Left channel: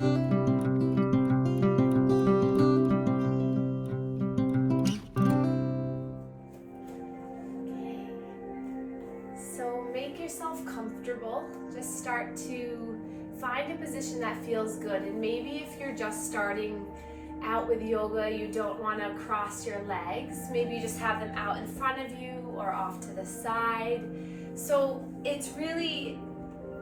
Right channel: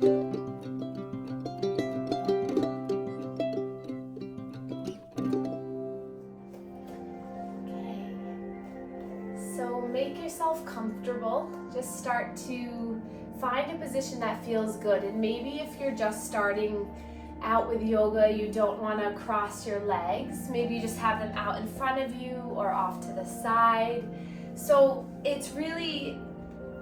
So make yourself comfortable. Just start to find a position that feels good. And maybe if you're just starting out with yoga, you don't want to cross your legs. Maybe you just have them out in front of you or off to the side. So it's really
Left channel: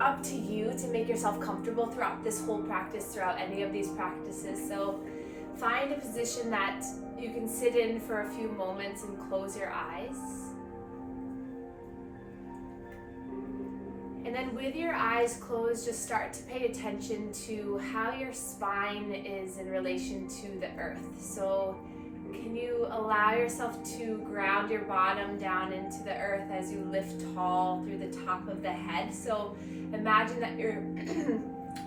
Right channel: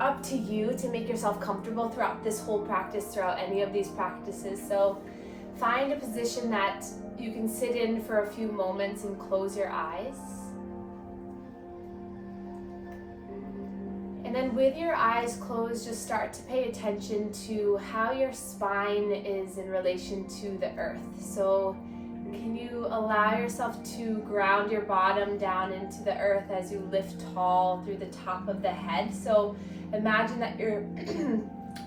up to you to make yourself comfortable throughout this whole practice, throughout any of these practices. So find a position that you can sit in for a few moments and close your eyes. And then with your eyes closed, just start to pay attention to how your spine is in relation to the earth. So can you allow yourself to ground your bottom down into the earth as you lift tall through the top of the head? So imagine that you're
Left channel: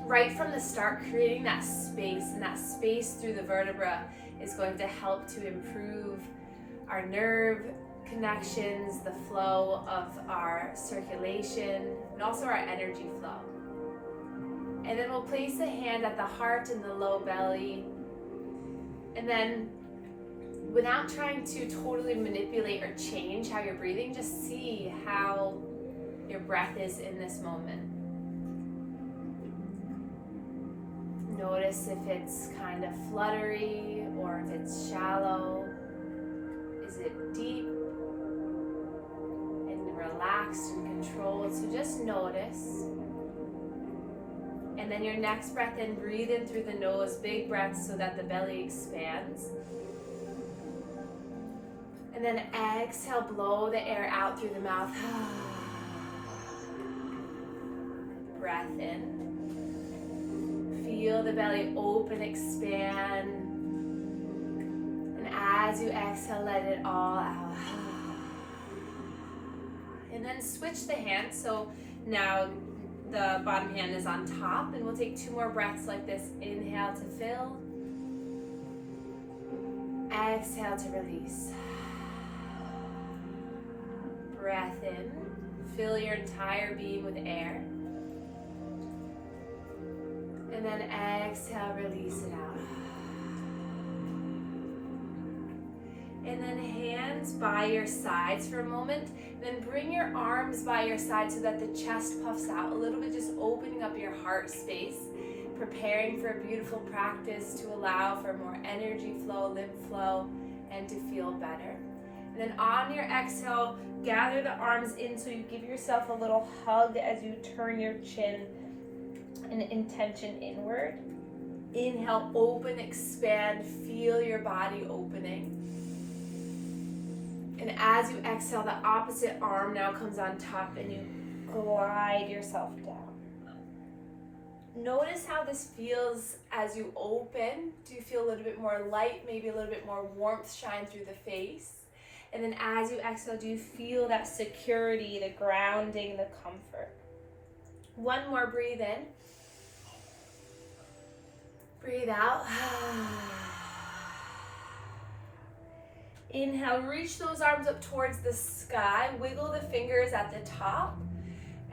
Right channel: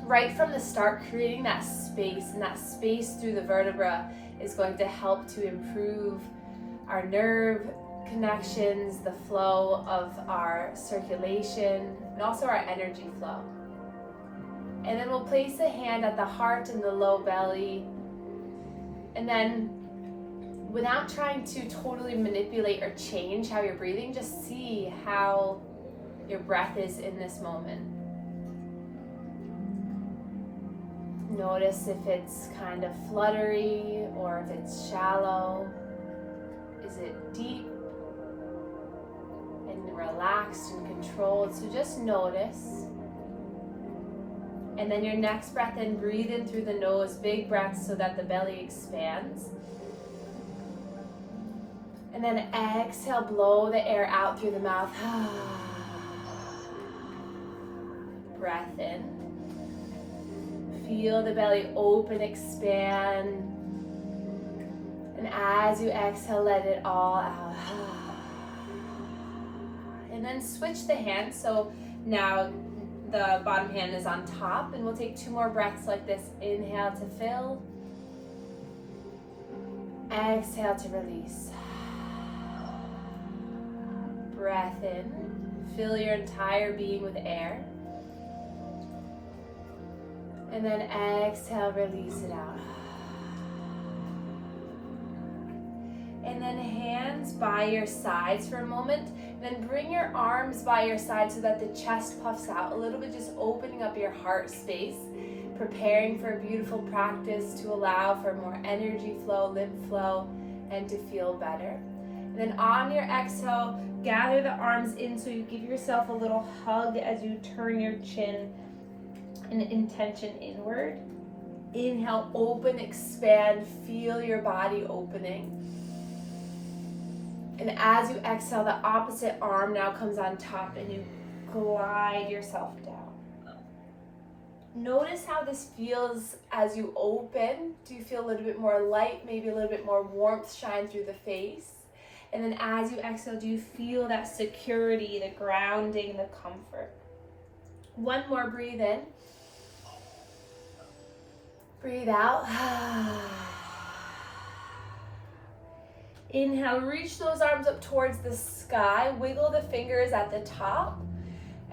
right from the start creating that space, and that space through the vertebra is going to help to improve our nerve connections, the flow of our circulation, and also our energy flow. And then we'll place a hand at the heart and the low belly. And then without trying to totally manipulate or change how you're breathing, just see how your breath is in this moment. Notice if it's kind of fluttery or if it's shallow. Is it deep and relaxed and controlled? So just notice. And then your next breath in, breathe in through the nose, big breaths so that the belly expands. And then exhale, blow the air out through the mouth. Breath in. Feel the belly open, expand. And as you exhale, let it all out. And then switch the hands. So now the bottom hand is on top, and we'll take 2 more breaths like this. Inhale to fill. Exhale to release. Breath in. Fill your entire being with air. And then exhale, release it out. And then hands by your sides for a moment. Then bring your arms by your side so that the chest puffs out a little bit, just opening up your heart space, preparing for a beautiful practice to allow for more energy flow, lymph flow, and to feel better. And then on your exhale, gather the arms in so you give yourself a little hug as you turn your chin in intention inward. Inhale, open, expand, feel your body opening. And as you exhale, the opposite arm now comes on top and you glide yourself down. Notice how this feels as you open. Do you feel a little bit more light, maybe a little bit more warmth shine through the face? And then as you exhale, do you feel that security, the grounding, the comfort? One more, breathe in. Breathe out. Inhale, reach those arms up towards the sky. Wiggle the fingers at the top.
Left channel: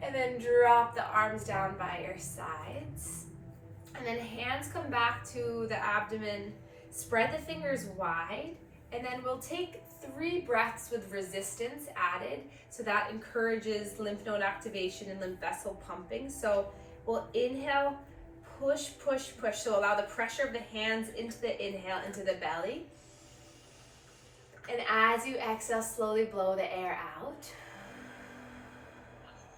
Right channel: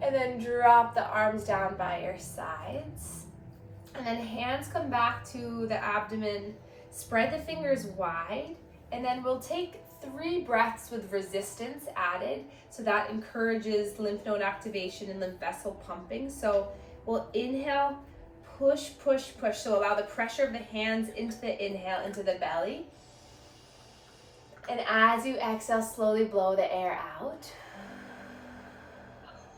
And then drop the arms down by your sides. And then hands come back to the abdomen. Spread the fingers wide. And then we'll take 3 breaths with resistance added. So that encourages lymph node activation and lymph vessel pumping. So we'll inhale, push, push, push. So allow the pressure of the hands into the inhale, into the belly. And as you exhale, slowly blow the air out.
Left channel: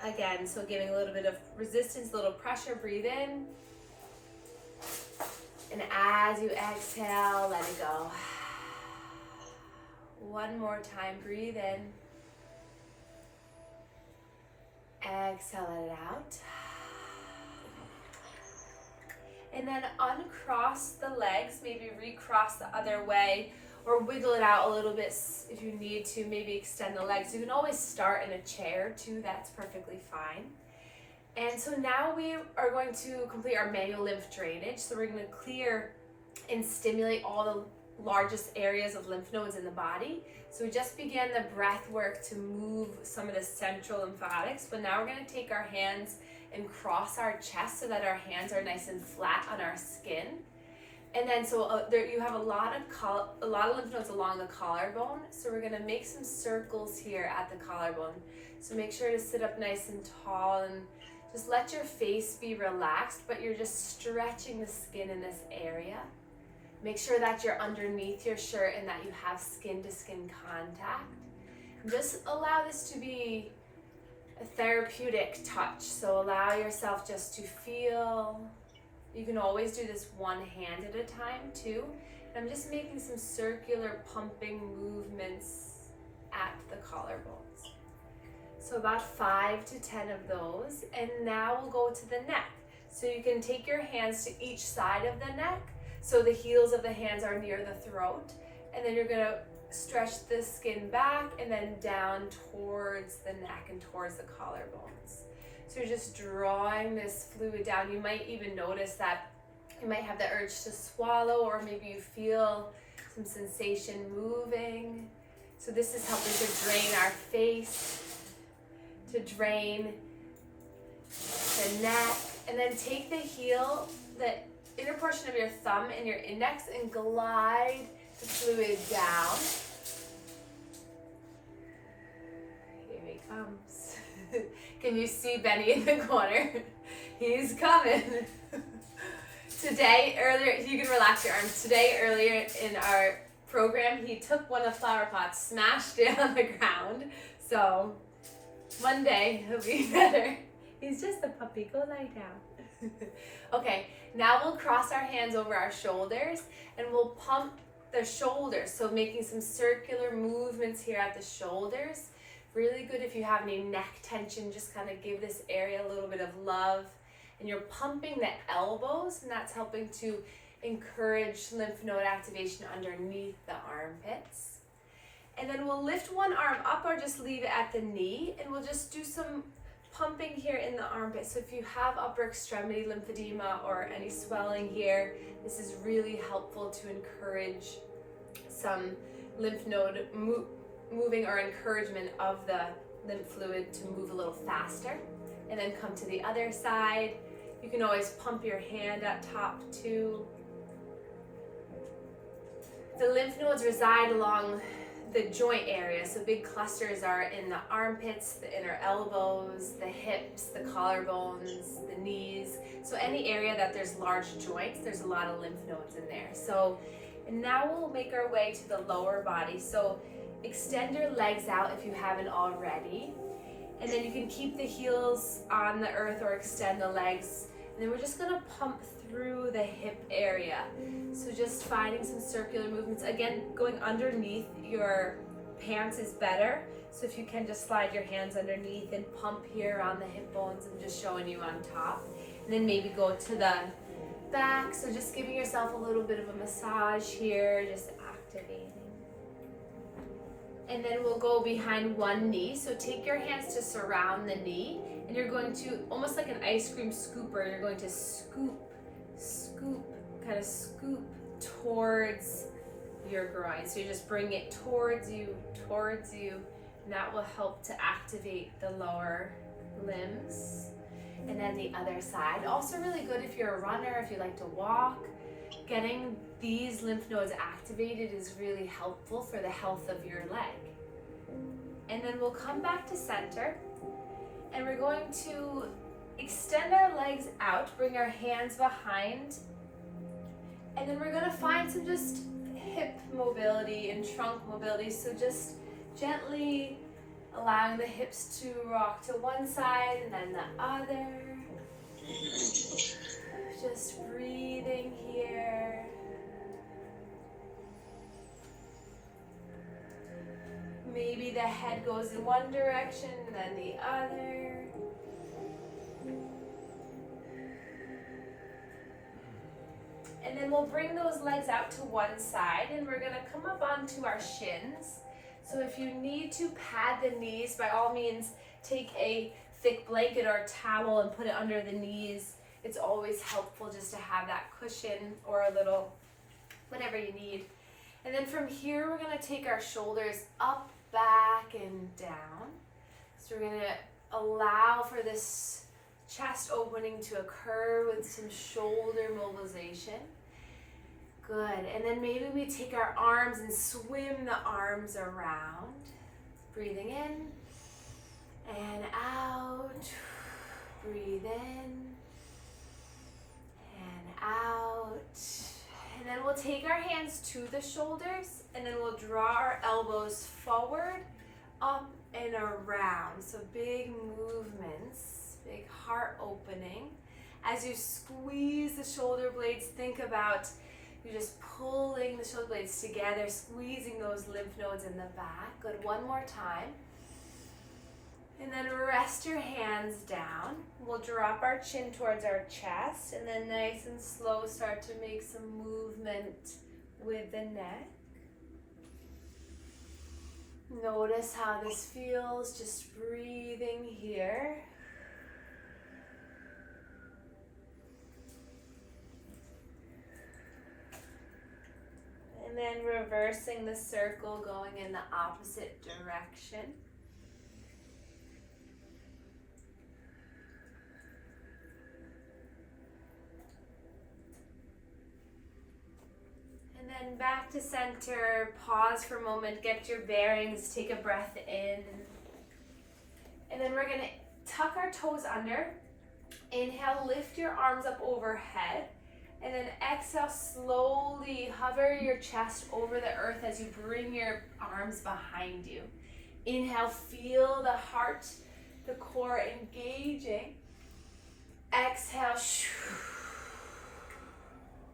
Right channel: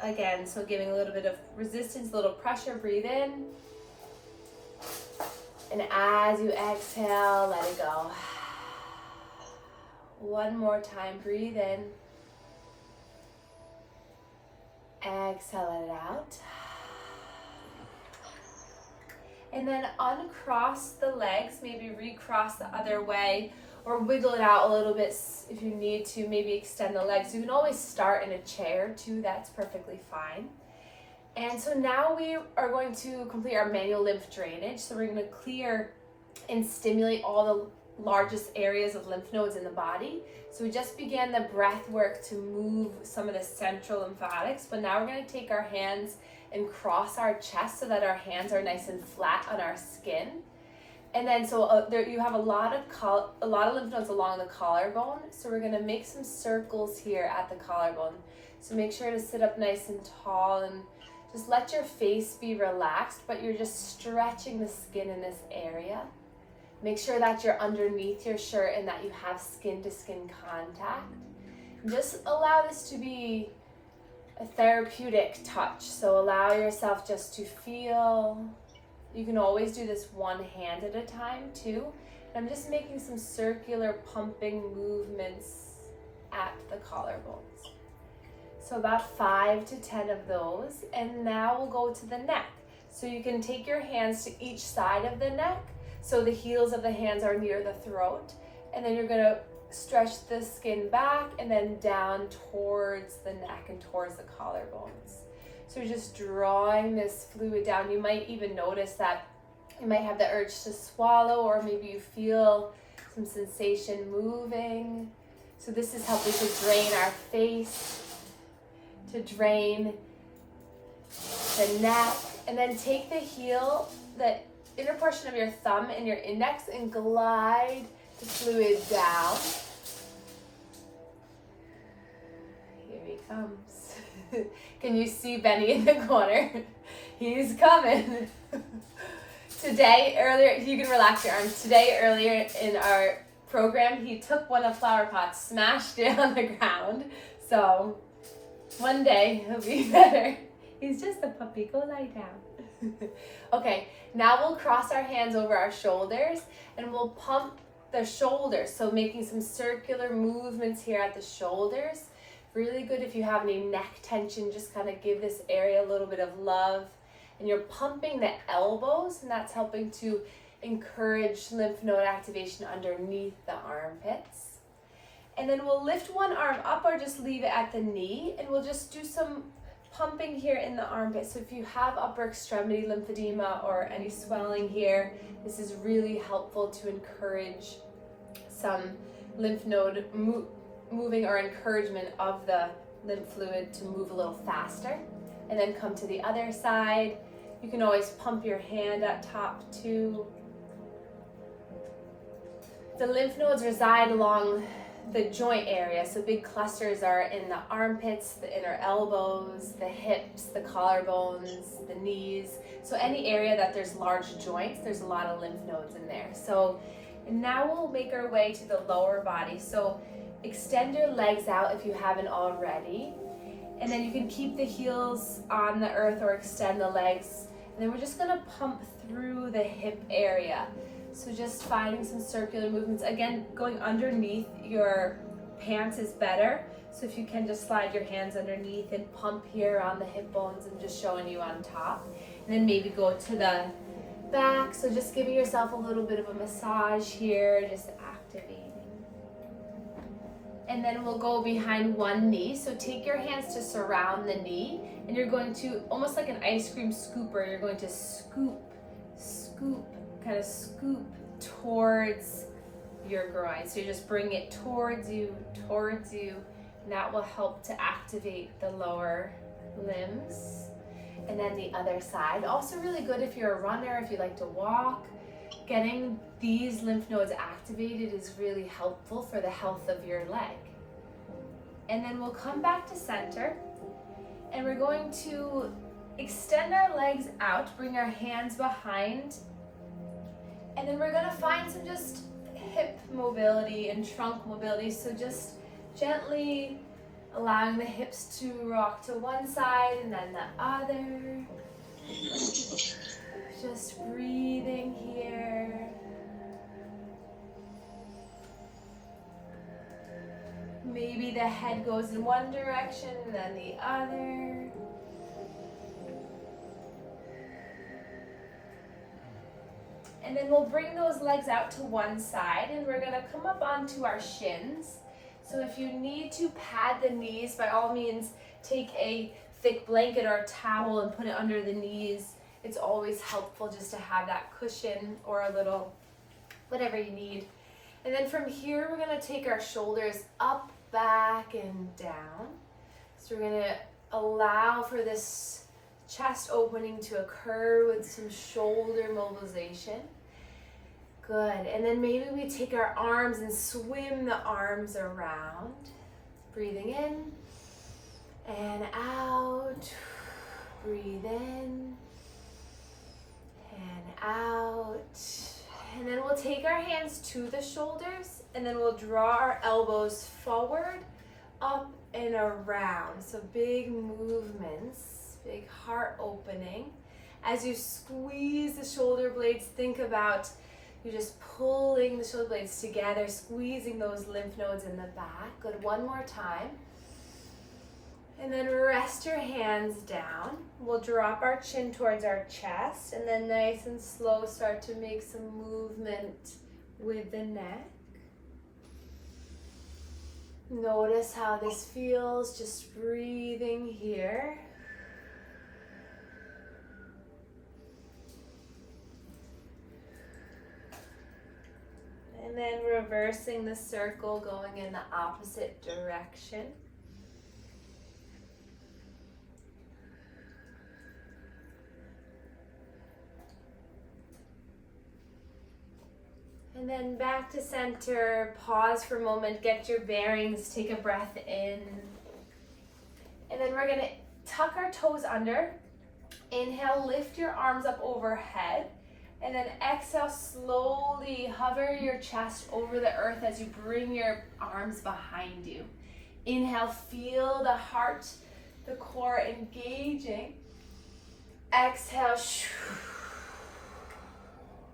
Again, so giving a little bit of resistance, a little pressure, breathe in. And as you exhale, let it go. One more time, breathe in. Exhale, let it out. And then uncross the legs, maybe recross the other way, or wiggle it out a little bit if you need to, maybe extend the legs. You can always start in a chair too, that's perfectly fine. And so now we are going to complete our manual lymph drainage. So we're going to clear and stimulate all the largest areas of lymph nodes in the body. So we just began the breath work to move some of the central lymphatics, but now we're going to take our hands and cross our chest so that our hands are nice and flat on our skin. And then there you have a lot of lymph nodes along the collarbone. So we're gonna make some circles here at the collarbone. So make sure to sit up nice and tall and just let your face be relaxed, but you're just stretching the skin in this area. Make sure that you're underneath your shirt and that you have skin to skin contact. And just allow this to be a therapeutic touch. So allow yourself just to feel. You can always do this one hand at a time too. And I'm just making some circular pumping movements at the collarbones. So about 5 to 10 of those. And now we'll go to the neck. So you can take your hands to each side of the neck. So the heels of the hands are near the throat. And then you're gonna stretch the skin back and then down towards the neck and towards the collarbones. So you're just drawing this fluid down. You might even notice that you might have the urge to swallow, or maybe you feel some sensation moving. So this is helping to drain our face, to drain the neck, and then take the heel, the inner portion of your thumb and your index, and glide the fluid down. Here he comes. Can you see Benny in the corner? He's coming. Today, earlier, you can relax your arms. Today, earlier in our program, he took one of the flower pots, smashed it on the ground. So one day he'll be better. He's just a puppy. Go lie down. Okay, now we'll cross our hands over our shoulders and we'll pump the shoulders. So making some circular movements here at the shoulders. Really good if you have any neck tension, just kind of give this area a little bit of love. And you're pumping the elbows, and that's helping to encourage lymph node activation underneath the armpits. And then we'll lift one arm up or just leave it at the knee, and we'll just do some pumping here in the armpit. So if you have upper extremity lymphedema or any swelling here, this is really helpful to encourage some lymph node moving or encouragement of the lymph fluid to move a little faster. And then come to the other side. You can always pump your hand at top too. The lymph nodes reside along the joint area. So big clusters are in the armpits, the inner elbows, the hips, the collarbones, the knees. So any area that there's large joints, there's a lot of lymph nodes in there. So, and now we'll make our way to the lower body. So extend your legs out if you haven't already. And then you can keep the heels on the earth or extend the legs. And then we're just gonna pump through the hip area. So just finding some circular movements. Again, going underneath your pants is better. So if you can just slide your hands underneath and pump here on the hip bones and just showing you on top. And then maybe go to the back. So just giving yourself a little bit of a massage here, just activating. And then we'll go behind one knee. So take your hands to surround the knee, and you're going to, almost like an ice cream scooper, you're going to scoop, kind of scoop towards your groin. So you just bring it towards you, and that will help to activate the lower limbs. And then the other side, also really good if you're a runner, if you like to walk. Getting these lymph nodes activated is really helpful for the health of your leg. And then we'll come back to center, and we're going to extend our legs out, bring our hands behind, and then we're gonna find some just hip mobility and trunk mobility. So just gently allowing the hips to rock to one side and then the other. Just breathing here. Maybe the head goes in one direction and then the other. And then we'll bring those legs out to one side, and we're gonna come up onto our shins. So if you need to pad the knees, by all means, take a thick blanket or a towel and put it under the knees. It's always helpful just to have that cushion or a little, whatever you need. And then from here, we're gonna take our shoulders up, back, and down. So we're gonna allow for this chest opening to occur with some shoulder mobilization. Good, and then maybe we take our arms and swim the arms around. Breathing in and out. Breathe in and out. And then we'll take our hands to the shoulders and then we'll draw our elbows forward, up and around. So big movements, big heart opening. As you squeeze the shoulder blades, think about you're just pulling the shoulder blades together, squeezing those lymph nodes in the back. Good, one more time. And then rest your hands down. We'll drop our chin towards our chest and then nice and slow start to make some movement with the neck. Notice how this feels, just breathing here. And then reversing the circle, going in the opposite direction. And then back to center, pause for a moment, get your bearings, take a breath in. And then we're gonna tuck our toes under. Inhale, lift your arms up overhead. And then exhale, slowly hover your chest over the earth as you bring your arms behind you. Inhale, feel the heart, the core engaging. Exhale,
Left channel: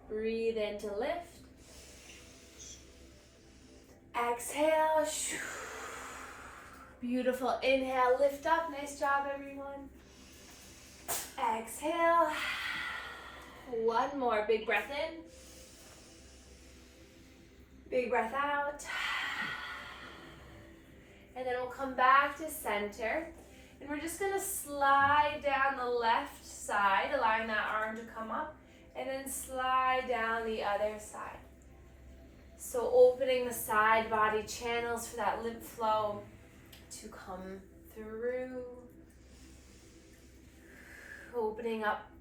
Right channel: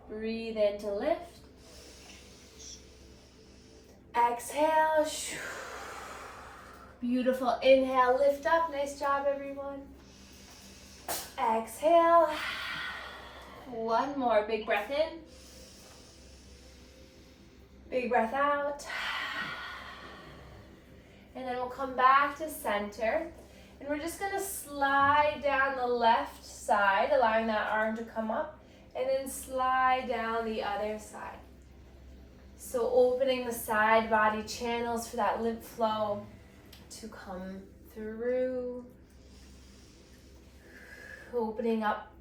breathe in to lift. Exhale, beautiful. Inhale, lift up. Nice job, everyone. Exhale. One more, big breath in. Big breath out. And then we'll come back to center. And we're just gonna slide down the left side, allowing that arm to come up, and then slide down the other side. So opening the side body channels for that lymph flow to come through. Opening up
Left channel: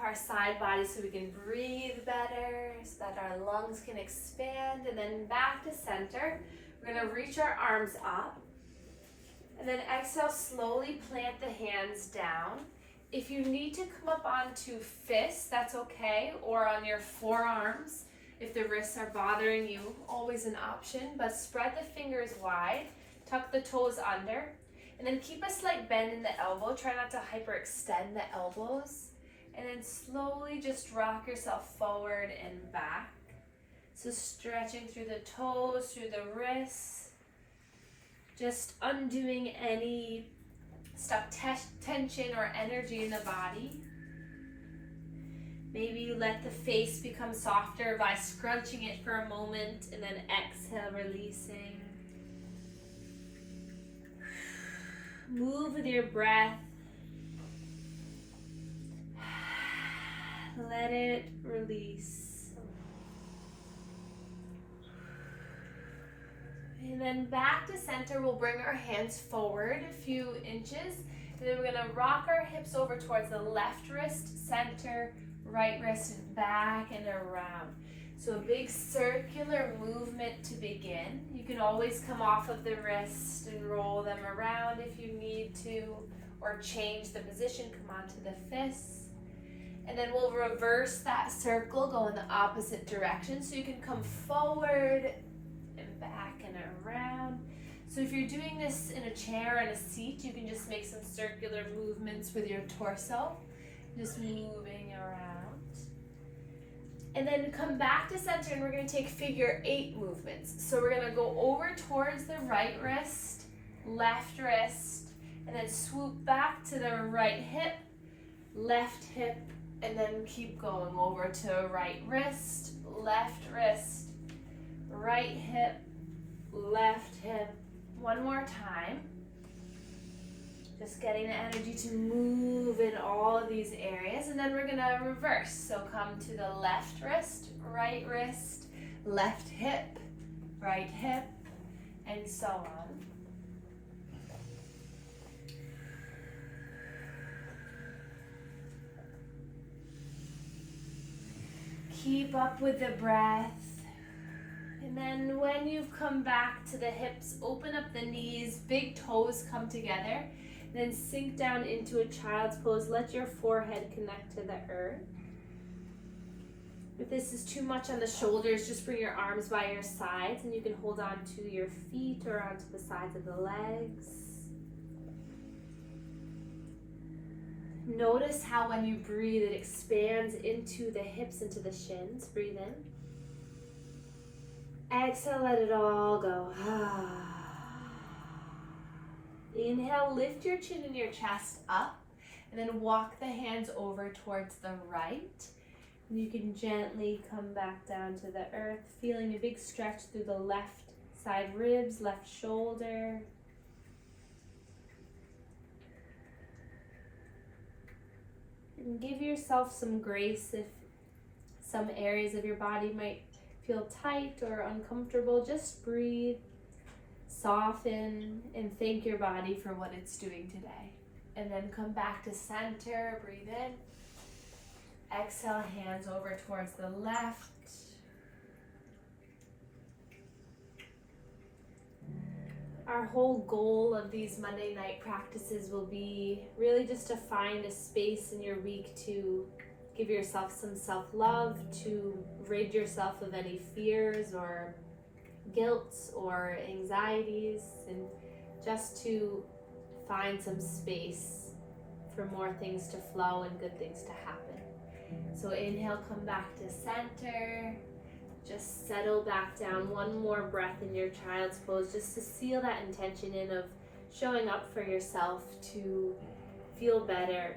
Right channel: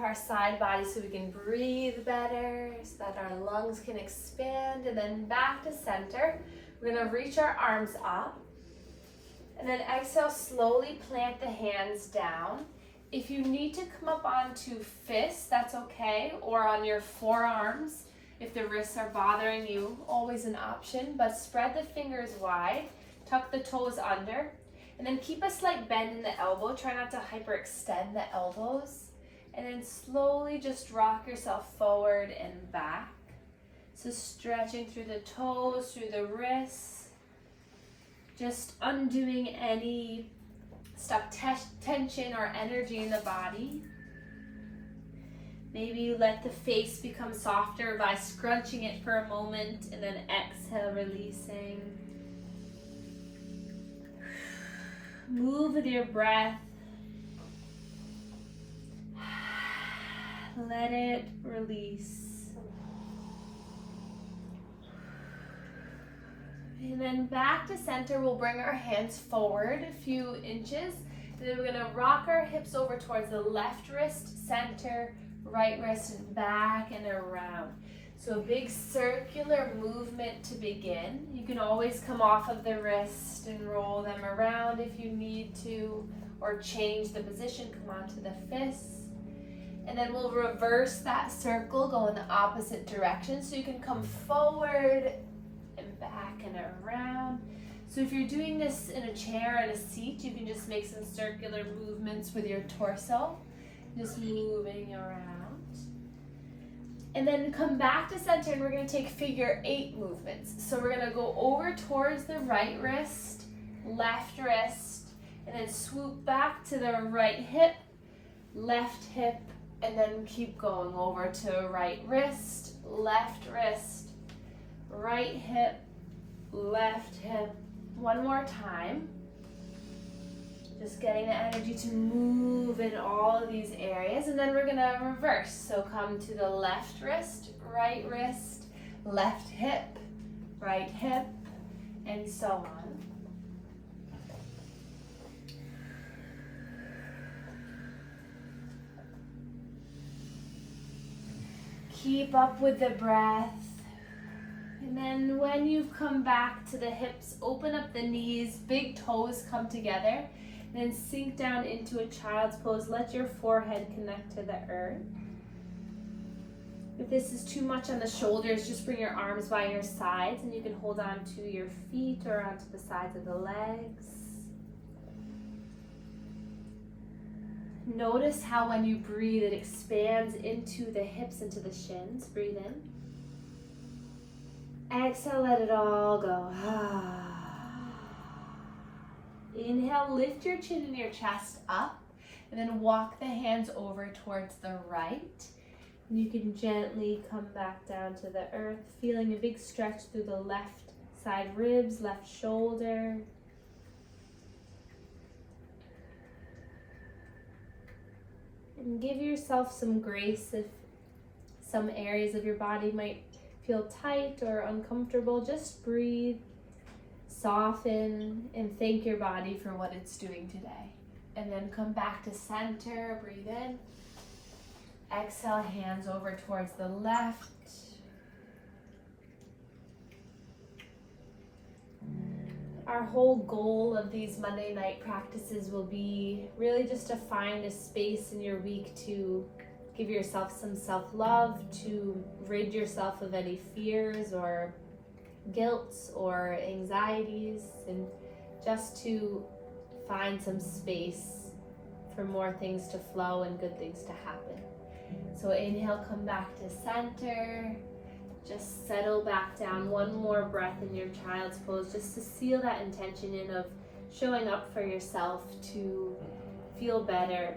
our side body so we can breathe better, so that our lungs can expand. And then back to center. We're gonna reach our arms up. And then exhale, slowly plant the hands down. If you need to come up onto fists, that's okay, or on your forearms. If the wrists are bothering you, always an option, but spread the fingers wide, tuck the toes under, and then keep a slight bend in the elbow. Try not to hyperextend the elbows. And then slowly just rock yourself forward and back. So stretching through the toes, through the wrists, just undoing any stuck tension or energy in the body. Maybe you let the face become softer by scrunching it for a moment and then exhale, releasing. Move with your breath. Let it release. And then back to center, we'll bring our hands forward a few inches. And then we're gonna rock our hips over towards the left wrist, center, right wrist, and back and around. So a big circular movement to begin. You can always come off of the wrist and roll them around if you need to, or change the position, come onto the fists. And then we'll reverse that circle, go in the opposite direction. So you can come forward and back and around. So if you're doing this in a chair and a seat, you can just make some circular movements with your torso, just moving around. And then come back to center, and we're gonna take figure 8 movements. So we're gonna go over towards the right wrist, left wrist, and then swoop back to the right hip, left hip, and then keep going over to right wrist, right hip, left hip. One more time. Just getting the energy to move in all of these areas. And then we're gonna reverse. So come to the left wrist, left hip, right hip, and so on. Keep up with the breath. And then when you've come back to the hips, open up the knees, big toes come together. Then sink down into a child's pose. Let your forehead connect to the earth. If this is too much on the shoulders, just bring your arms by your sides and you can hold on to your feet or onto the sides of the legs. Notice how when you breathe, it expands into the hips, into the shins. Breathe in. Exhale, let it all go. Inhale, lift your chin and your chest up, and then walk the hands over towards the right. And you can gently come back down to the earth, feeling a big stretch through the left side ribs, left shoulder. And give yourself some grace if some areas of your body might feel tight or uncomfortable. Just breathe, soften, and thank your body for what it's doing today. And then come back to center, breathe in. Exhale, hands over towards the left. Our whole goal of these Monday night practices will be really just to find a space in your week to give yourself some self-love, to rid yourself of any fears or guilt or anxieties, and just to find some space for more things to flow and good things to happen. So inhale, come back to center. Just settle back down. One more breath in your child's pose, just to seal that intention in of showing up for yourself to feel better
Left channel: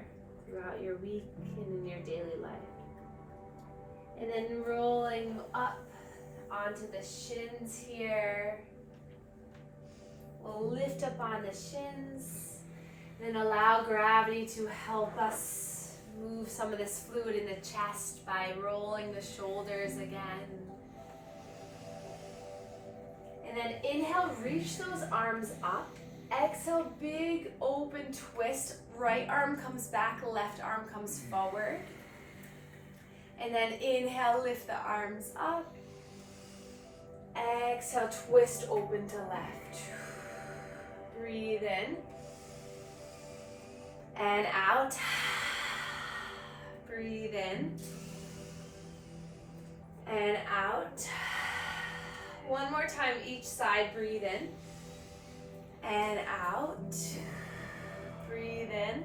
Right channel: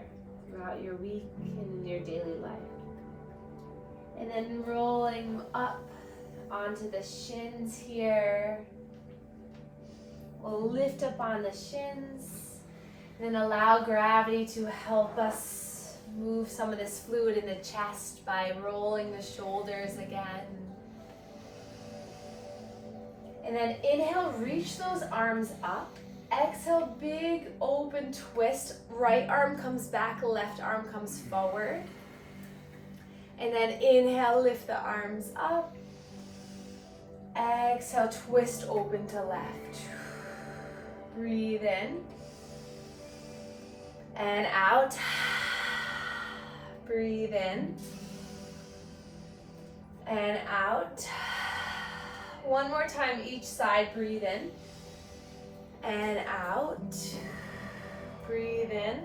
throughout your week and in your daily life. And then rolling up onto the shins here. We'll lift up on the shins and allow gravity to help us move some of this fluid in the chest by rolling the shoulders again. And then inhale, reach those arms up. Exhale, big open twist. Right arm comes back, left arm comes forward. And then inhale, lift the arms up. Exhale, twist open to left. Breathe in. And out. Breathe in. And out. One more time each side, breathe in. And out. Breathe in.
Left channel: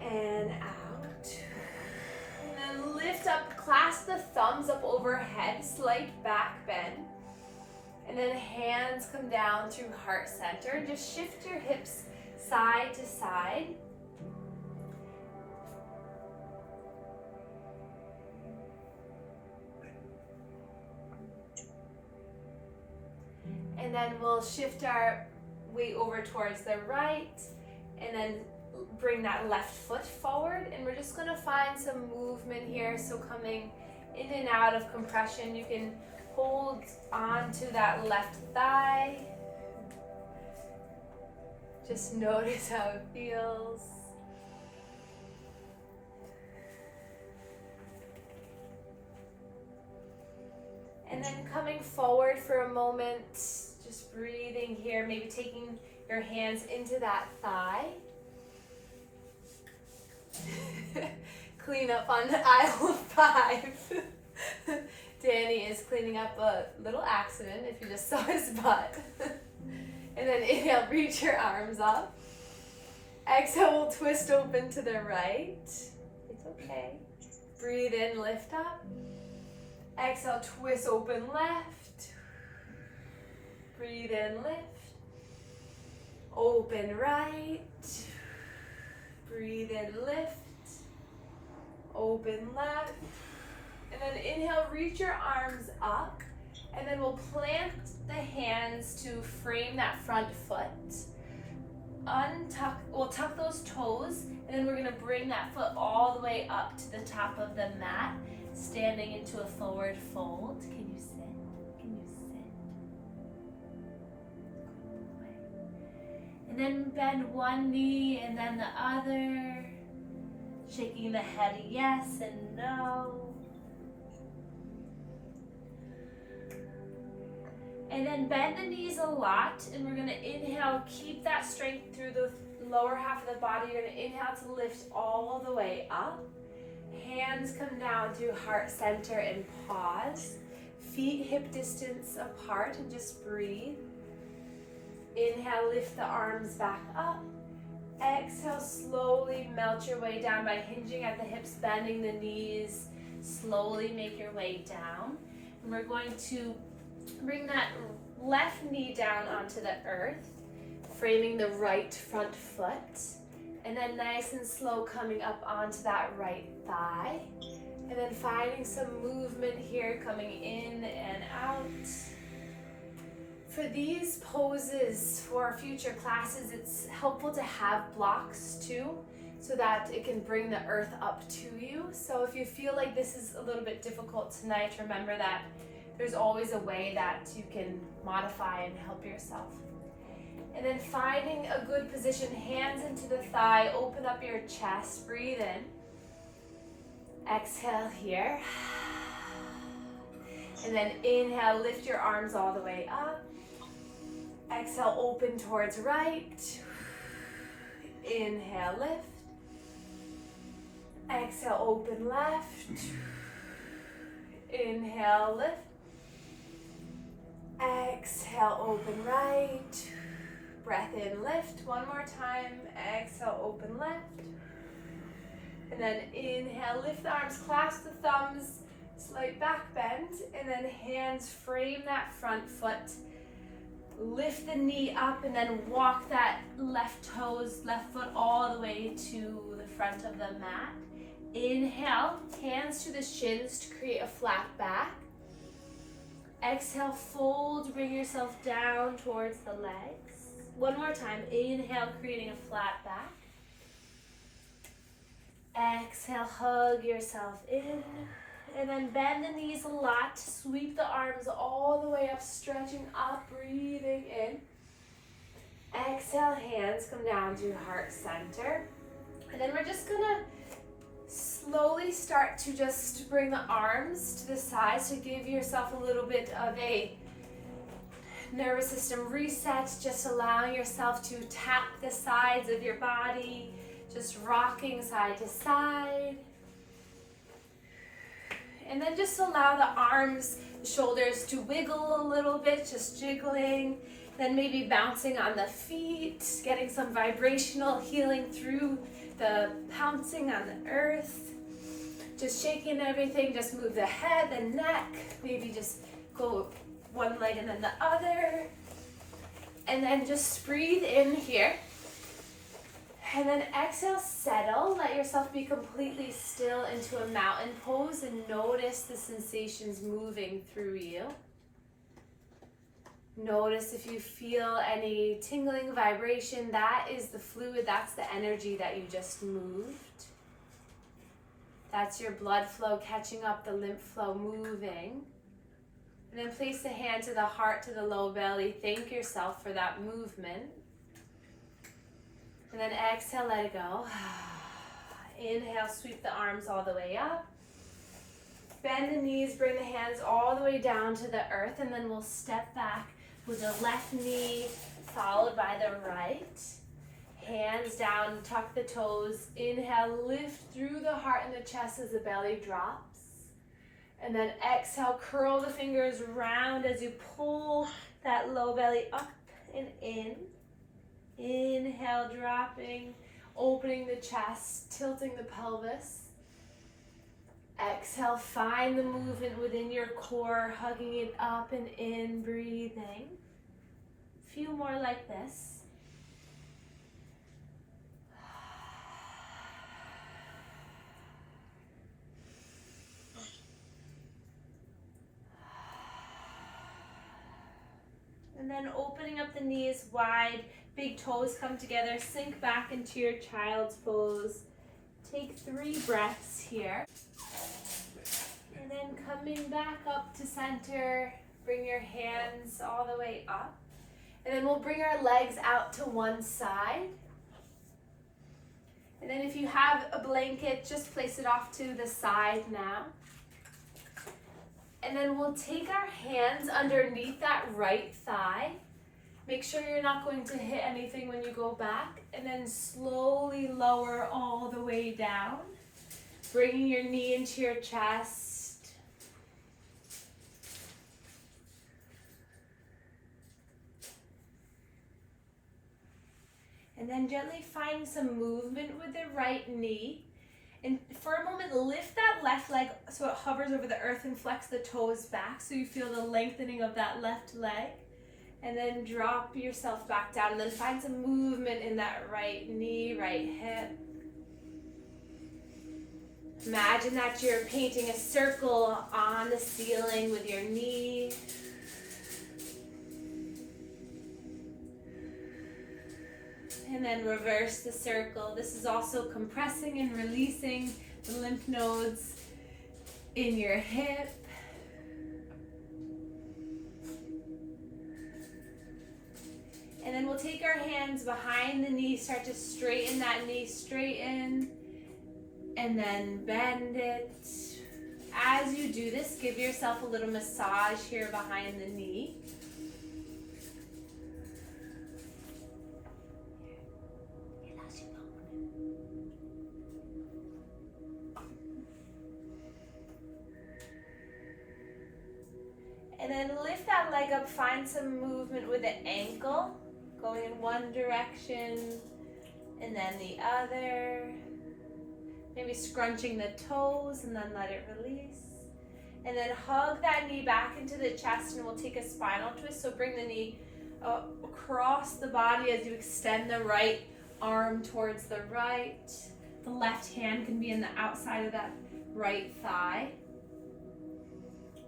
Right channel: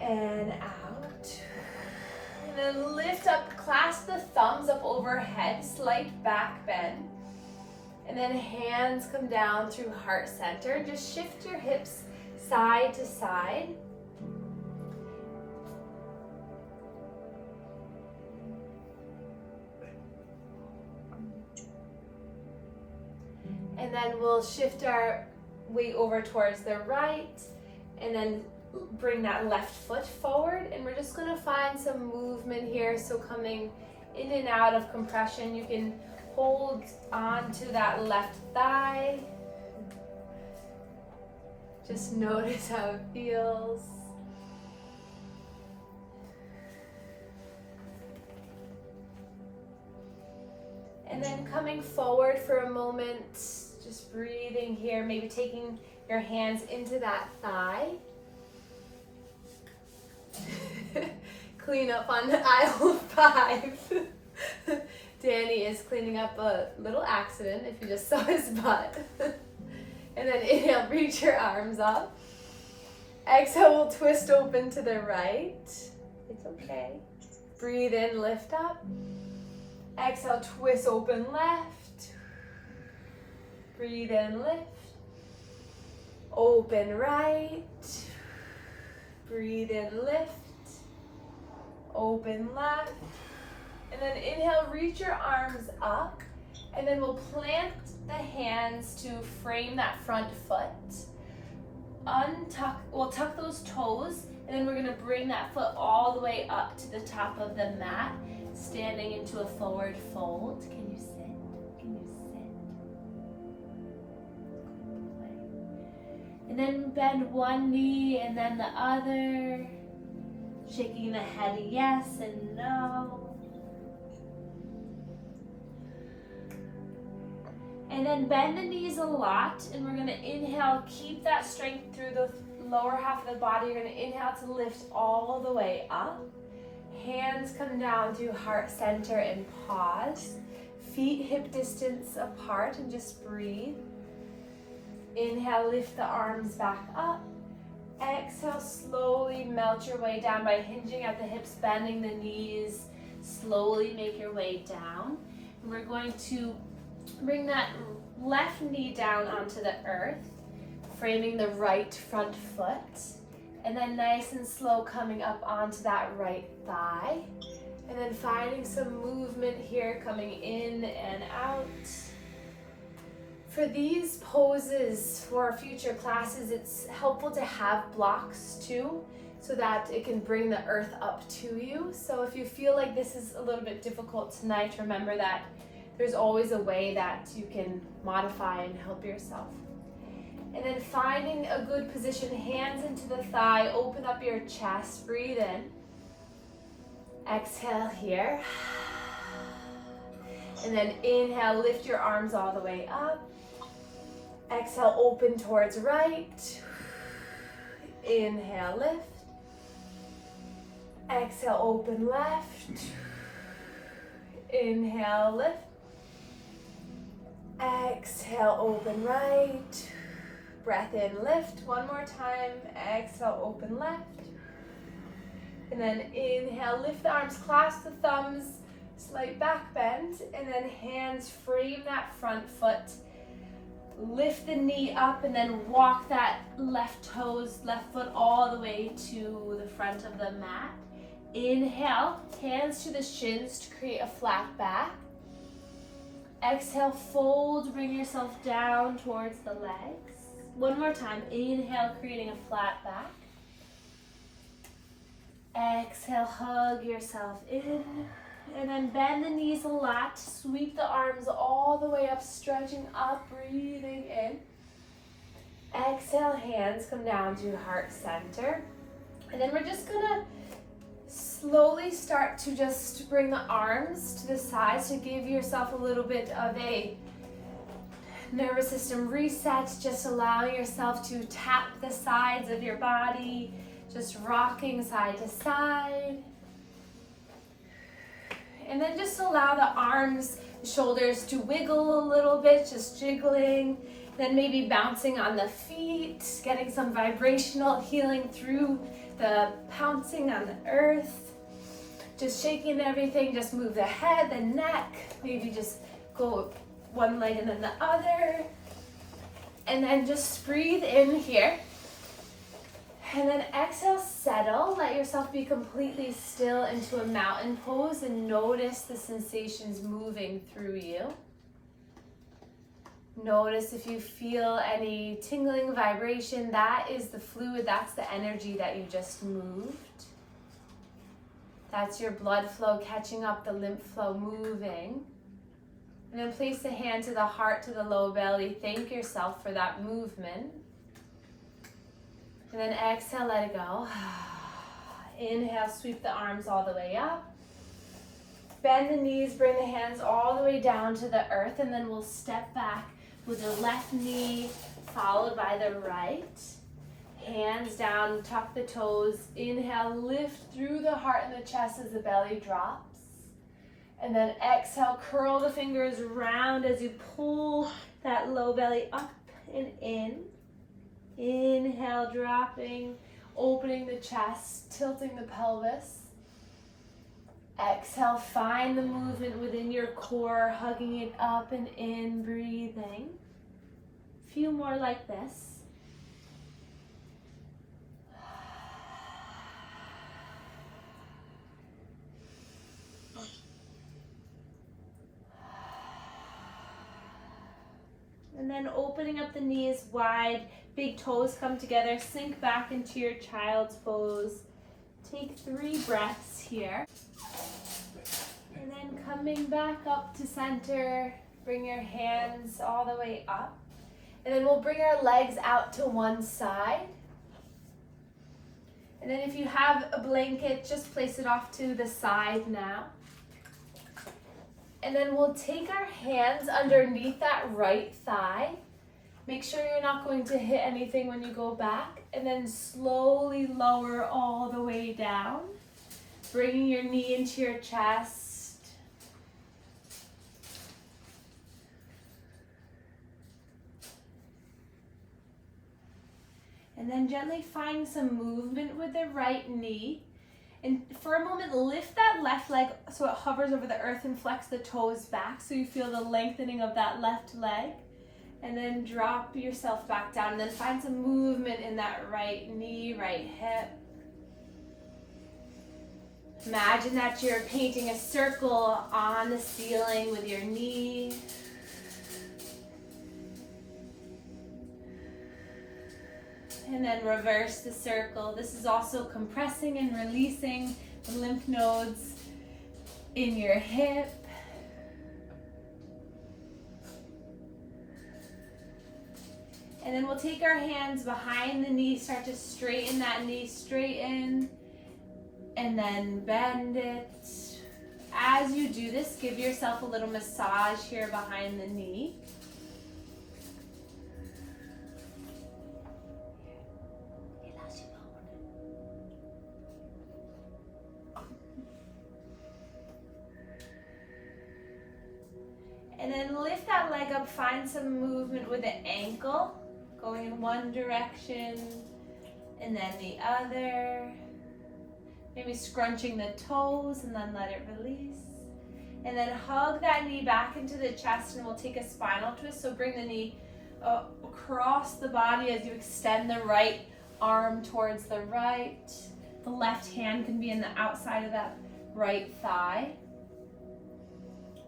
And out. And then lift up, clasp the thumbs up overhead, slight back bend. And then hands come down through heart center. Just shift your hips side to side. And then we'll shift our weight over towards the right and then bring that left foot forward. And we're just gonna find some movement here. So coming in and out of compression, you can hold on to that left thigh. Just notice how it feels. And then coming forward for a moment, just breathing here, maybe taking your hands into that thigh. Clean up on the aisle of 5. Danny is cleaning up a little accident if you just saw his butt. And then inhale, reach your arms up. Exhale, we'll twist open to the right. It's okay. Breathe in, lift up. Exhale, twist open left. Breathe in, lift. Open right. Breathe in, lift. Open left. And then inhale, reach your arms up. And then we'll plant the hands to frame that front foot. Untuck, we'll tuck those toes. And then we're going to bring that foot all the way up to the top of the mat, standing into a forward fold. Can you sit? Can you sit? And then bend one knee and then the other. Shaking the head yes and no. And then bend the knees a lot, and we're gonna inhale, keep that strength through the lower half of the body. You're gonna inhale to lift all the way up. Hands come down to heart center and pause. Feet hip distance apart and just breathe. Inhale, lift the arms back up. Exhale, slowly melt your way down by hinging at the hips, bending the knees. Slowly make your way down. And we're going to bring that left knee down onto the earth, framing the right front foot. And then nice and slow coming up onto that right thigh. And then finding some movement here, coming in and out. For these poses for future classes, it's helpful to have blocks too, so that it can bring the earth up to you. So if you feel like this is a little bit difficult tonight, remember that there's always a way that you can modify and help yourself. And then finding a good position, hands into the thigh, open up your chest, breathe in. Exhale here. And then inhale, lift your arms all the way up. Exhale, open towards right. Inhale, lift. Exhale, open left. Inhale, lift. Exhale, open right. Breath in, lift. One more time. Exhale, open left. And then inhale, lift the arms, clasp the thumbs, slight back bend, and then hands frame that front foot. Lift the knee up and then walk that left toes, left foot all the way to the front of the mat. Inhale, hands to the shins to create a flat back. Exhale, fold, bring yourself down towards the legs. One more time, inhale, creating a flat back. Exhale, hug yourself in. And then bend the knees a lot. Sweep the arms all the way up, stretching up, breathing in. Exhale, hands come down to heart center. And then we're just gonna slowly start to just bring the arms to the sides to give yourself a little bit of a nervous system reset, just allowing yourself to tap the sides of your body, just rocking side to side. And then just allow the arms, the shoulders to wiggle a little bit, just jiggling. Then maybe bouncing on the feet, getting some vibrational healing through the pouncing on the earth. Just shaking everything, just move the head, the neck, maybe just go one leg and then the other. And then just breathe in here. And then exhale, settle. Let yourself be completely still into a mountain pose and notice the sensations moving through you. Notice if you feel any tingling vibration, that is the fluid, that's the energy that you just moved. That's your blood flow catching up, the lymph flow moving. And then place the hand to the heart, to the low belly. Thank yourself for that movement. And then exhale, let it go. Inhale, sweep the arms all the way up. Bend the knees, bring the hands all the way down to the earth, and then we'll step back with the left knee followed by the right. Hands down, tuck the toes. Inhale, lift through the heart and the chest as the belly drops. And then exhale, curl the fingers round as you pull that low belly up and in. Inhale, dropping, opening the chest, tilting the pelvis. Exhale, find the movement within your core, hugging it up and in, breathing. A few more like this. And then opening up the knees wide, big toes come together, sink back into your child's pose. Take 3 breaths here. And then coming back up to center, bring your hands all the way up. And then we'll bring our legs out to one side. And then if you have a blanket, just place it off to the side now. And then we'll take our hands underneath that right thigh. Make sure you're not going to hit anything when you go back. And then slowly lower all the way down. Bringing your knee into your chest. And then gently find some movement with the right knee. And for a moment, lift that left leg so it hovers over the earth and flex the toes back so you feel the lengthening of that left leg. And then drop yourself back down and then find some movement in that right knee, right hip. Imagine that you're painting a circle on the ceiling with your knee. And then reverse the circle. This is also compressing and releasing the lymph nodes in your hip. And then we'll take our hands behind the knee, start to straighten that knee, straighten, and then bend it. As you do this, give yourself a little massage here behind the knee. And then lift that leg up, find some movement with the ankle, going in one direction and then the other. Maybe scrunching the toes and then let it release. And then hug that knee back into the chest and we'll take a spinal twist. So bring the knee across the body as you extend the right arm towards the right. The left hand can be in the outside of that right thigh.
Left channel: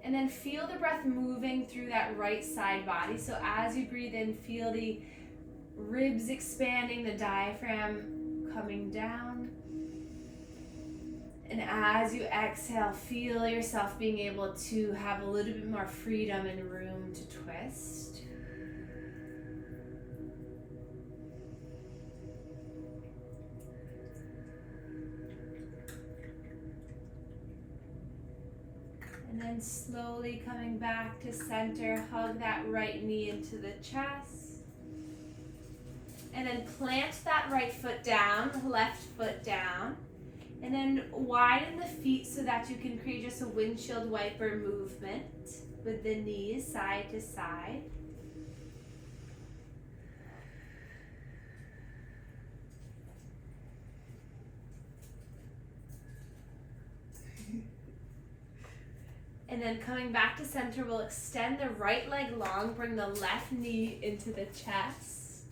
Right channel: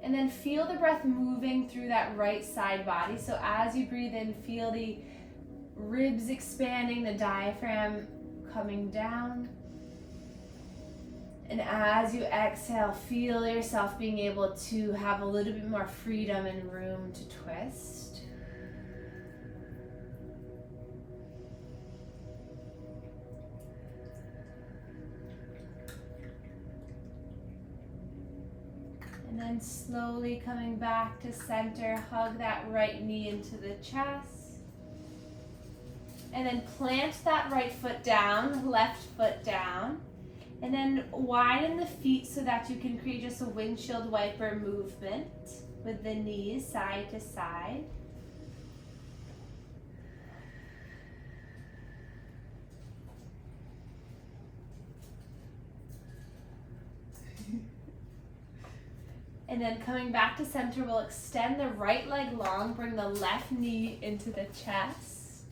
And then feel the breath moving through that right side body. So as you breathe in, feel the ribs expanding, the diaphragm coming down. And as you exhale, feel yourself being able to have a little bit more freedom and room to twist. And then slowly coming back to center, hug that right knee into the chest. And then plant that right foot down, left foot down. And then widen the feet so that you can create just a windshield wiper movement with the knees side to side. And then coming back to center, we'll extend the right leg long, bring the left knee into the chest.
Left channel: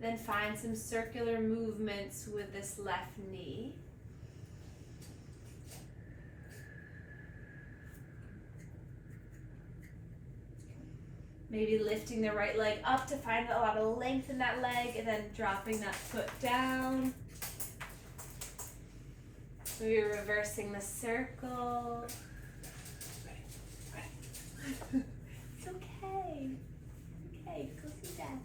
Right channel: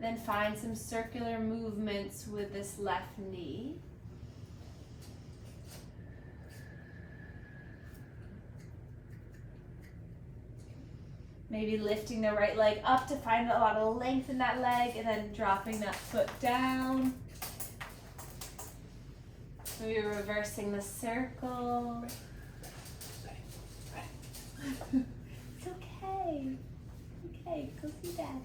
Then find some circular movements with this left knee. Maybe lifting the right leg up to find a lot of length in that leg and then dropping that foot down. So you're reversing the circle. It's okay. Okay, go see Dad.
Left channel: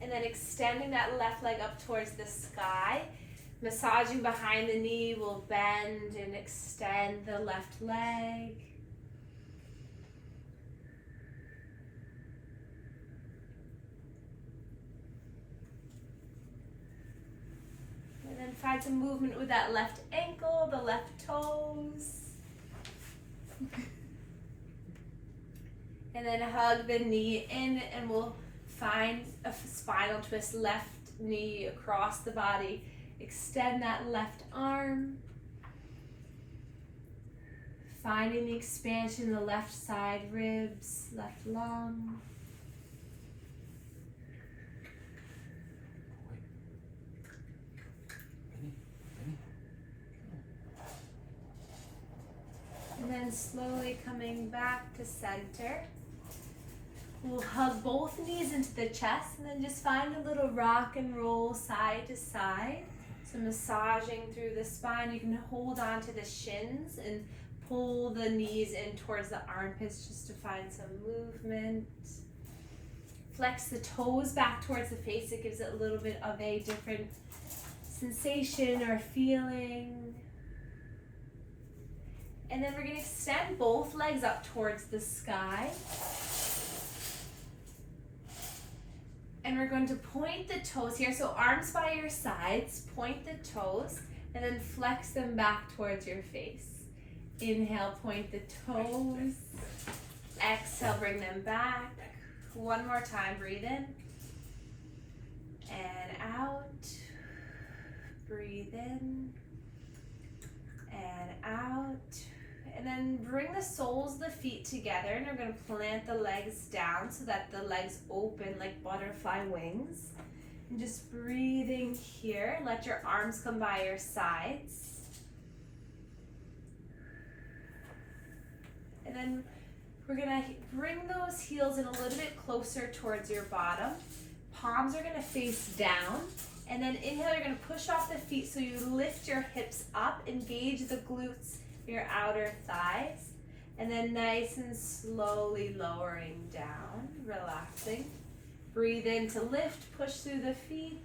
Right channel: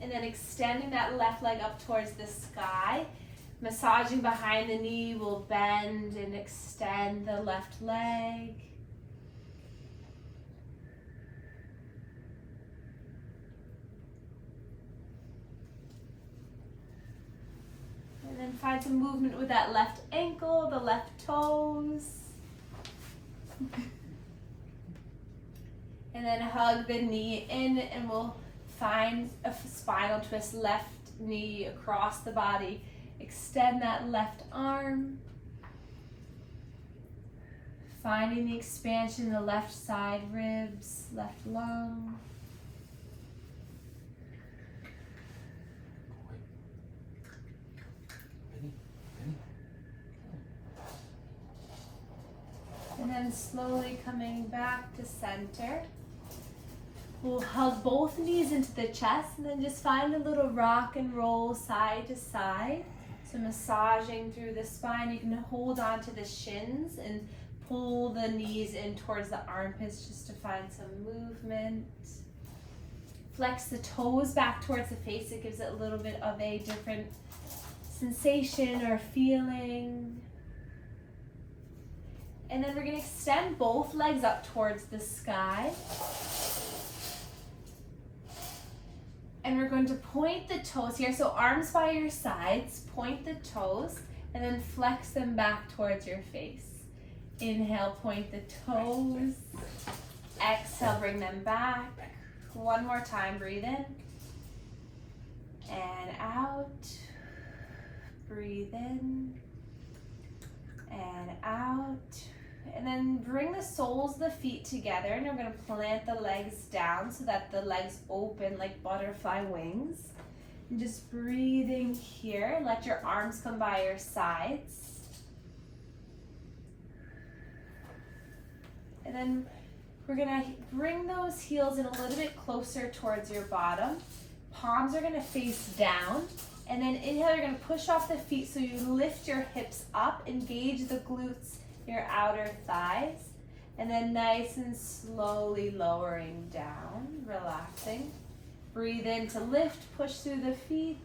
And then extending that left leg up towards the sky. Massaging behind the knee, we'll bend and extend the left leg. And then find some movement with that left ankle, the left toes. And then hug the knee in and we'll find a spinal twist, left knee across the body. Extend that left arm. Finding the expansion in the left side ribs, left lung. And then slowly coming back to center. We'll hug both knees into the chest and then just find a little rock and roll side to side. So massaging through the spine, you can hold on to the shins and pull the knees in towards the armpits just to find some movement. Flex the toes back towards the face. It gives it a little bit of a different sensation or feeling. And then we're going to extend both legs up towards the sky. And we're going to point the toes here. So arms by your sides, point the toes, and then flex them back towards your face. Inhale, point the toes. Exhale, bring them back. One more time, breathe in. And out. Breathe in. And out. And then bring the soles of the feet together, and we're going to plant the legs down so that the legs open like butterfly wings. And just breathing here. Let your arms come by your sides. And then we're going to bring those heels in a little bit closer towards your bottom. Palms are going to face down. And then inhale, you're going to push off the feet so you lift your hips up, engage the glutes, your outer thighs. And then nice and slowly lowering down, relaxing. Breathe in to lift, push through the feet.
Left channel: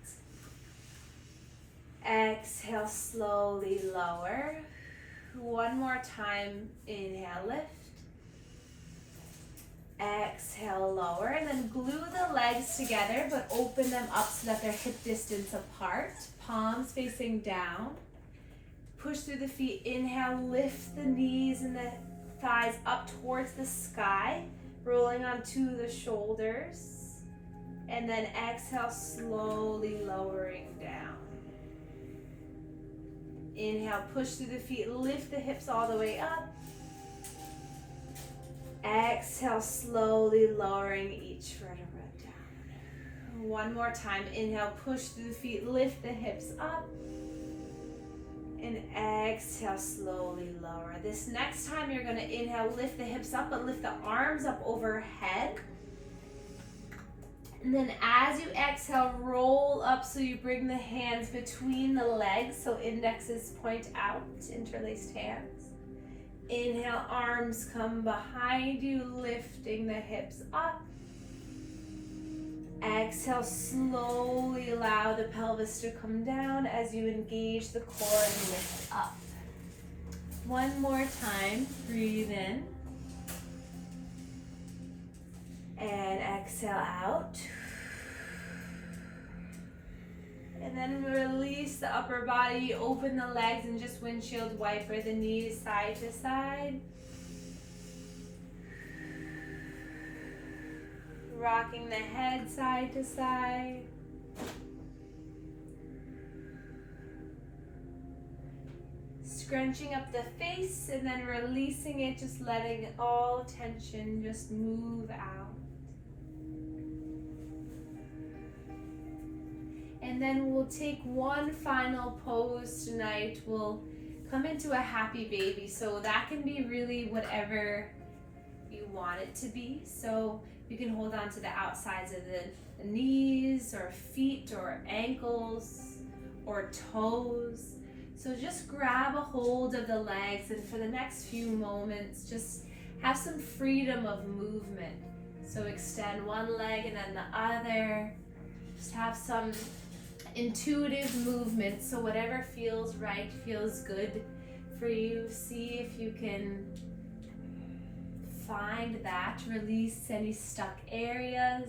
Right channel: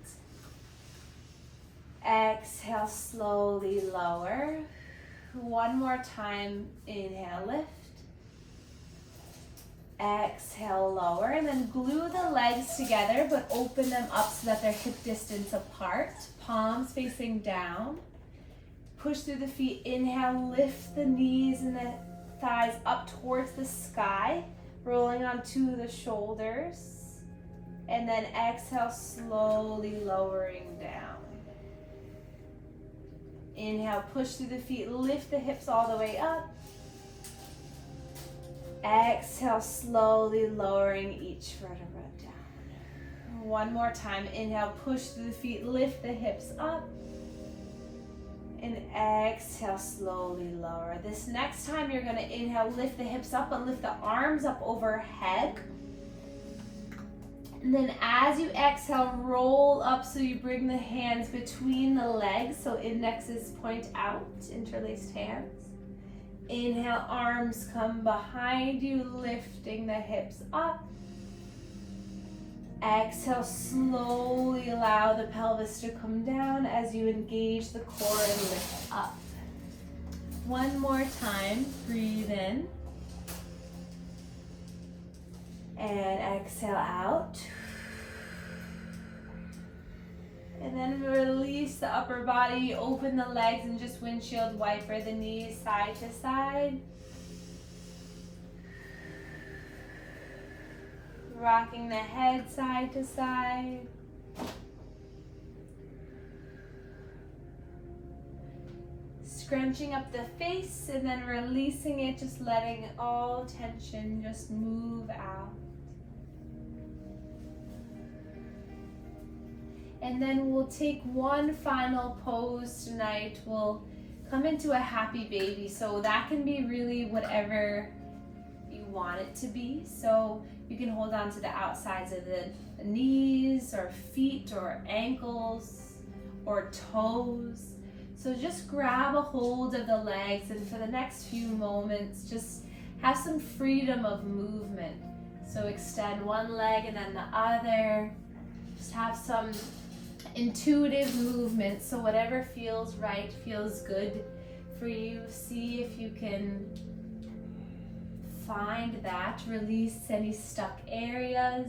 Exhale, slowly lower. One more time, inhale, lift. Exhale, lower, and then glue the legs together, but open them up so that they're hip distance apart. Palms facing down. Push through the feet. Inhale, lift the knees and the thighs up towards the sky, rolling onto the shoulders. And then exhale, slowly lowering down. Inhale, push through the feet, lift the hips all the way up. Exhale, slowly lowering each vertebra down. One more time. Inhale, push through the feet, lift the hips up. And exhale, slowly lower. This next time you're going to inhale, lift the hips up, but lift the arms up overhead. And then as you exhale, roll up so you bring the hands between the legs. So indexes point out, interlaced hands. Inhale, arms come behind you, lifting the hips up. Exhale, slowly allow the pelvis to come down as you engage the core and lift up. One more time, breathe in. And exhale out. And then release the upper body, open the legs and just windshield wiper the knees side to side. Rocking the head side to side. Scrunching up the face and then releasing it, just letting all tension just move out. And then we'll take one final pose tonight. We'll come into a happy baby. So that can be really whatever you want it to be. So you can hold on to the outsides of the knees or feet or ankles or toes. So just grab a hold of the legs, and for the next few moments, just have some freedom of movement. So extend one leg and then the other. Just have some intuitive movement, so whatever feels right, feels good for you. See if you can find that. Release any stuck areas,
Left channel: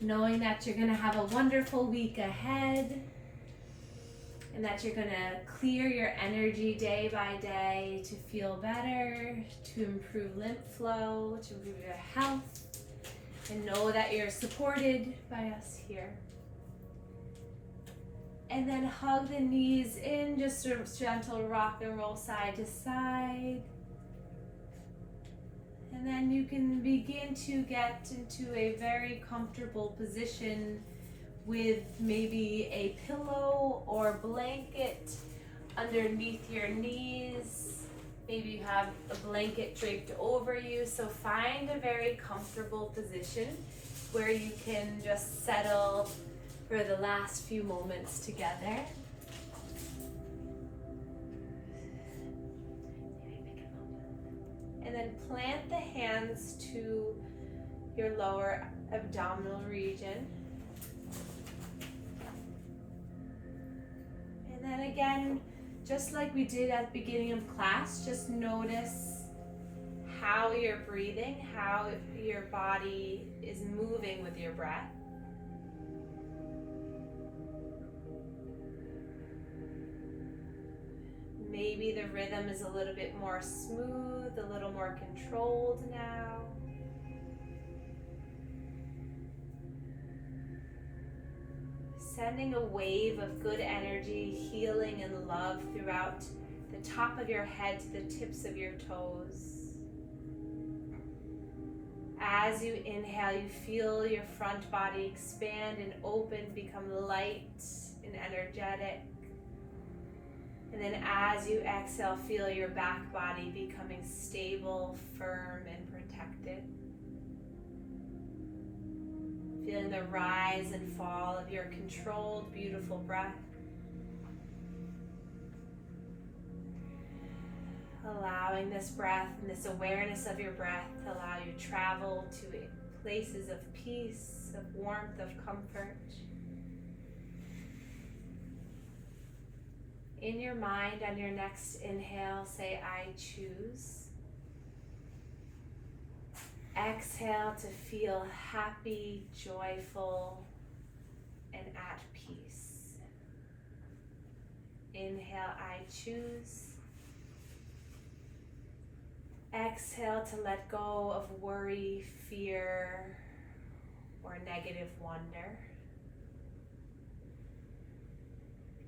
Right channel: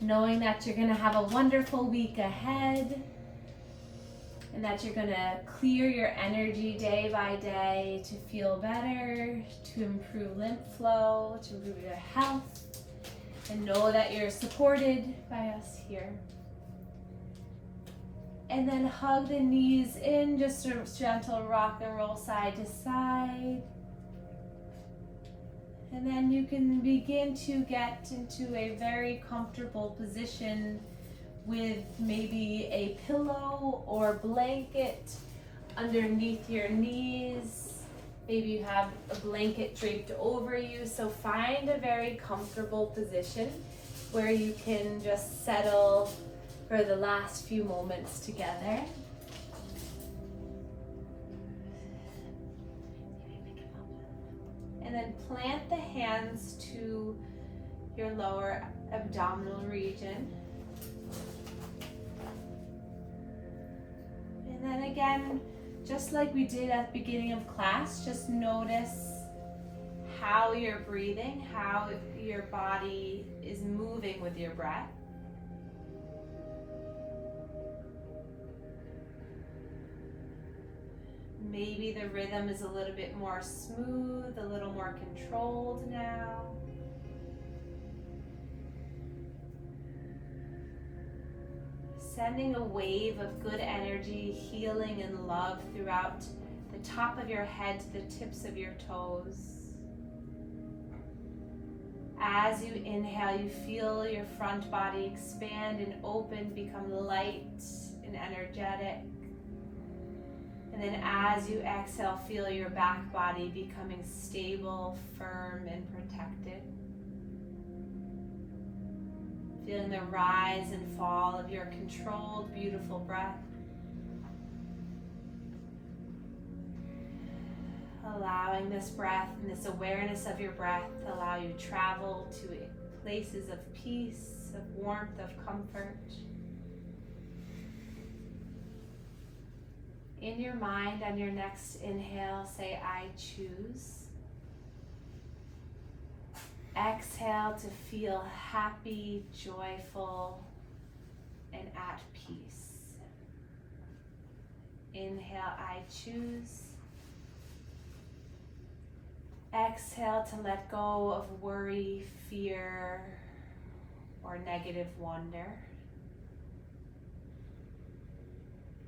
knowing that you're going to have a wonderful week ahead and that you're going to clear your energy day by day to feel better, to improve lymph flow, to improve your health, and know that you're supported by us here. And then hug the knees in, just a gentle rock and roll side to side. And then you can begin to get into a very comfortable position with maybe a pillow or blanket underneath your knees. Maybe you have a blanket draped over you. So find a very comfortable position where you can just settle for the last few moments together. And then plant the hands to your lower abdominal region. And then again, Just like we did at the beginning of class, just notice how you're breathing, how your body is moving with your breath. Maybe the rhythm is a little bit more smooth, a little more controlled now. Sending a wave of good energy, healing, and love throughout the top of your head to the tips of your toes. As you inhale, you feel your front body expand and open, become light and energetic. And then as you exhale, feel your back body becoming stable, firm, and protected. Feeling the rise and fall of your controlled, beautiful breath. Allowing this breath and this awareness of your breath to allow you to travel to places of peace, of warmth, of comfort. In your mind, on your next inhale, say, I choose. Exhale to feel happy, joyful, and at peace. Inhale, I choose. Exhale to let go of worry, fear, or negative wonder.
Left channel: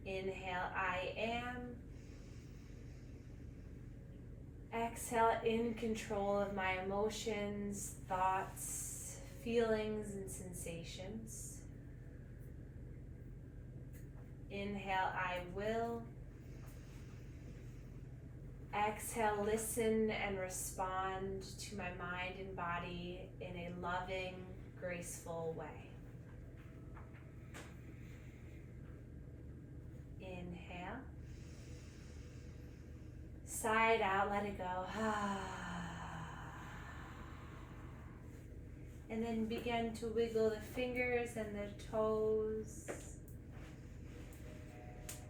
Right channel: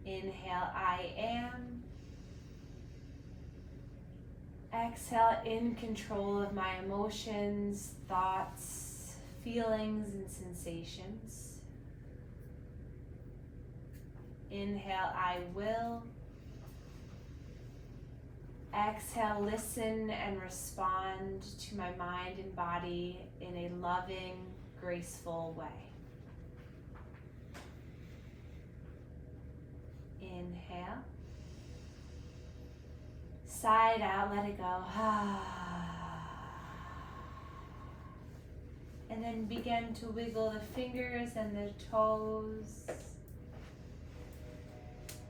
Inhale, I am. Exhale, in control of my emotions, thoughts, feelings, and sensations. Inhale, I will. Exhale, listen and respond to my mind and body in a loving, graceful way. Inhale. Side out, let it go. And then begin to wiggle the fingers and the toes.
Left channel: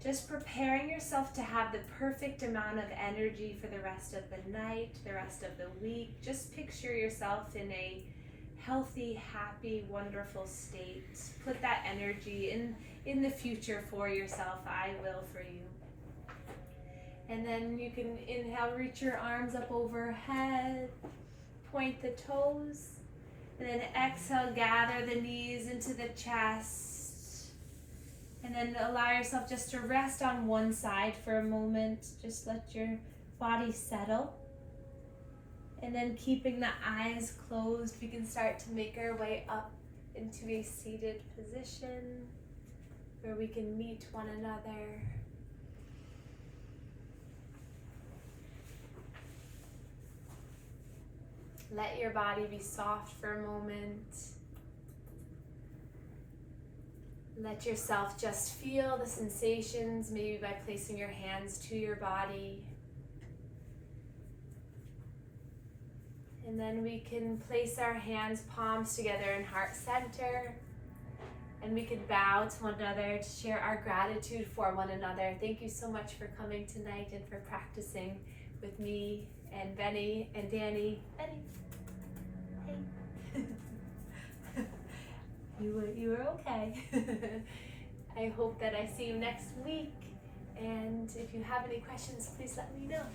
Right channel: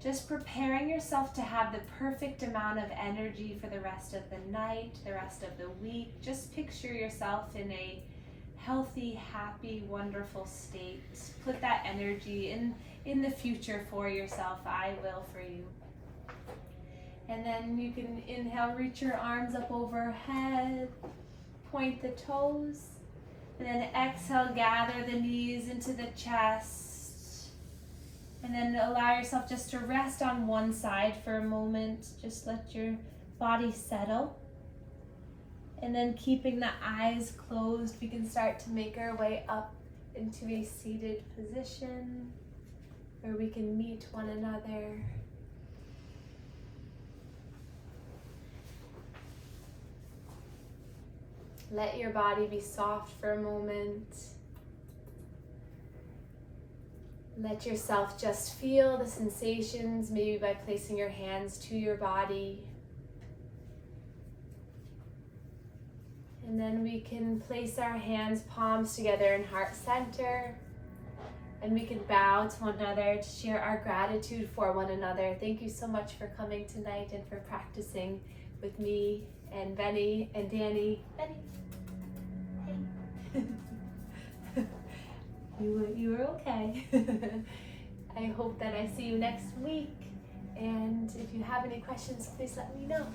Just preparing yourself to have the perfect amount of energy for the rest of the night, the rest of the week. Just picture yourself in a healthy, happy, wonderful state. Put that energy in the future for yourself. I will for you. And then you can inhale, reach your arms up overhead, point the toes, and then exhale, gather the knees into the chest. And then allow yourself just to rest on one side for a moment. Just let your body settle. And then keeping the eyes closed, we can start to make our way up into a seated position where we can meet one another. Let your body be soft for a moment. Let yourself just feel the sensations, maybe by placing your hands to your body. And then we can place our hands, palms together in heart center. And we can bow to one another to share our gratitude for one another. Thank you so much for coming tonight and for practicing with me and Benny and Danny. Benny, hey. You were okay. I hope that I see you next week. And if you have any questions, please let me know.